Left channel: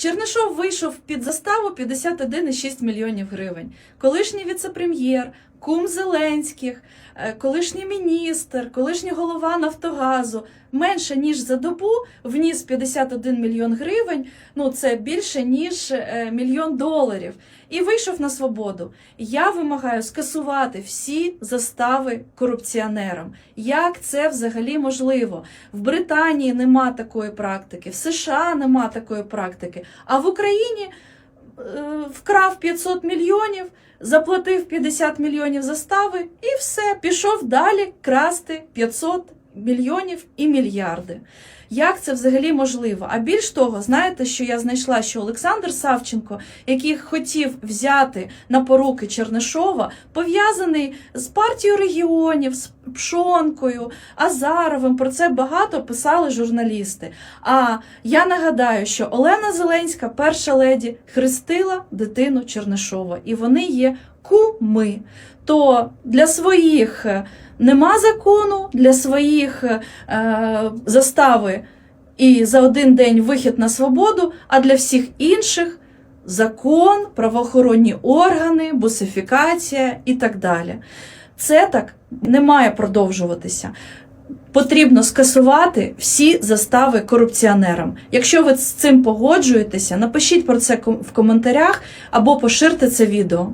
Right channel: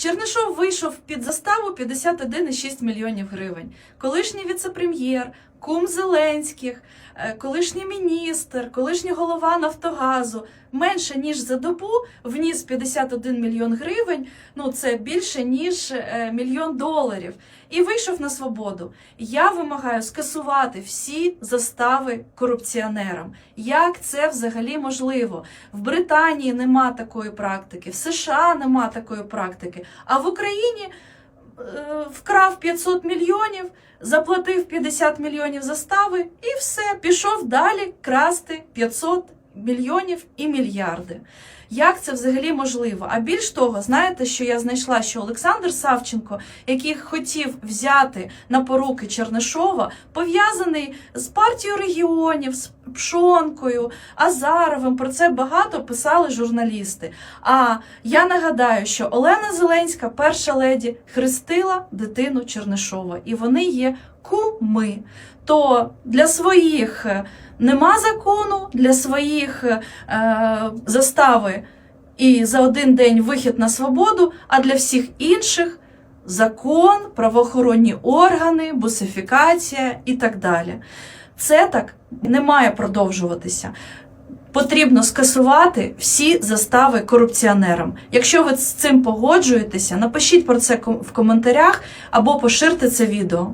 Чернишов вийшов під заставу 51,6 мільйонів гривень. Колишній віцепрем'єр, кум Зеленських, е, колишній міністр, колишній голова Нафтогазу менше ніж за добу вніс 51 мільйон гривень. Ну це більше ніж е, мільйон доларів. І вийшов на свободу. Я вимагаю скасувати всі застави корупціонерам. Як це взагалі можливо? В Британії нема такої практики, в США нема такої практики, а в Україні вкрав 500 мільйонів, заплатив 50 мільйонів застави і все, пішов далі красти 500 мільйонів і мільярди. Як це взагалі можливо? А більш того, знаєте, що я знайшла, що Олександр Савченко, який хотів взяти на поруки Чернишова, пов'язаний з партією регіонів, з Пшонкою, Азаровим. Про це багато писали журналісти. А я нагадаю, що Олена Зеленська, перша леді, хрестила дитину Чернишова, і вони є куми. То для своїх е, нема закону, для своїх е, застави і за один день вихід на свободу, а для всіх інших закон, правоохоронні органи, бусифікація і так далі. Це так не має продовжуватися. Потрібно скасувати всі застави корупціонерам. Якщо ви з цим погоджуєтеся, напишіть про це в коментарях або поширте це відео.